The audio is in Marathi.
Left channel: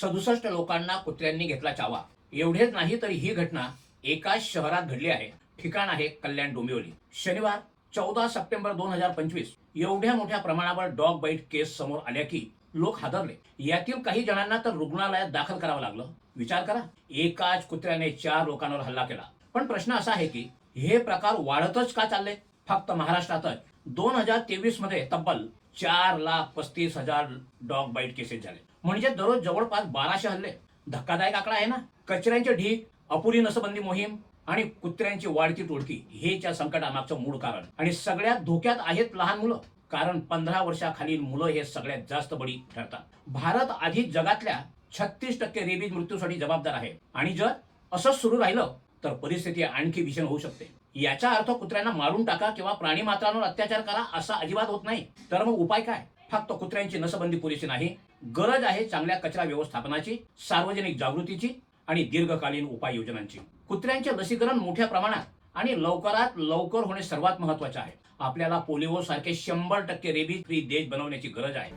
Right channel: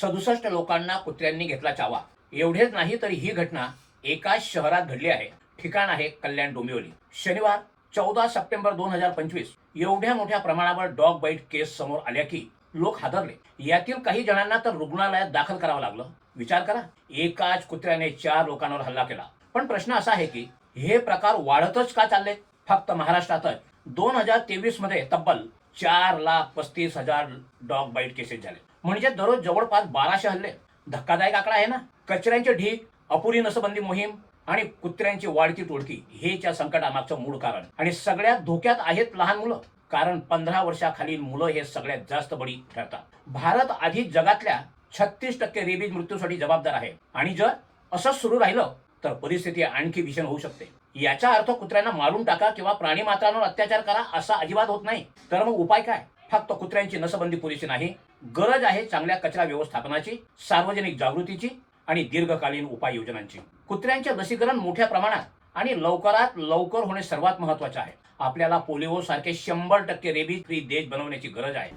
सदुसष्ट लोकांना कुत्र्यांनी घेतला चावा. एवढेच नाही तर ही घटना एकाच शहरात घडली आहे. ठिकाण आहे कल्याण डोंबिवली. शनिवार चौदा सप्टेंबर दोन हजार पंचवीस. एवढ्या मोठ्या प्रमाणावर डॉग बाईट केस समोर आल्या की लोक हादरले. यातील काही जणांना तर रुग्णालयात दाखल करावं लागलं. विचार करा. एकाच कुत्र्याने चार लोकांवर हल्ला केला. पण प्रश्न असा आहे की हे प्रकार वाढतच का चालले फक्त महाराष्ट्रातच. दोन हजार तेवीसमध्ये तब्बल चार लाख पस्तीस हजार डॉग बाईट केसेस झाले. म्हणजे दररोज जवळपास बाराशे हल्ले. धक्कादायक आकडा आहे ना? कचऱ्यांचे ढीक अपुरी नसबंदी मोहीम आणि कुत्र्यांची वाढती तोडकी हे त्या संकटामागचं मूळ कारण. आणि सगळ्यात धोक्यात आहेत लहान मुलं. कारण पंधरा वर्षाखालील मुलं हे सगळ्यात जास्त बळी ठरतात. भारत आधी जगातल्या छत्तीस टक्के रेबीज मृत्यूसाठी जबाबदार आहे. आणि जर असंच सुरू राहिलं तर परिस्थिती आणखी भीषण होऊ शकते. याचा अर्थ कुत्र्यांना मारून टाका किंवा प्राणी मात्रांवर अत्याचार करा असा अजिबात होत नाही. तर मग उपाय काय? फक्त कुत्र्यांची नसबंदी पुरेशी नाही. गरज आहे चांगल्या कचरा व्यवस्थापनाची सार्वजनिक जागृतीची आणि दीर्घकालीन उपाययोजनांची. कुत्र्यांचे लसीकरण मोठ्या प्रमाणात आणि लवकरात लवकर होणे सर्वात महत्त्वाचे आहे. आपल्याला पोलिओ सारखे शंभर टक्के रेबीज फ्री देश बनवण्याची गरज आहे.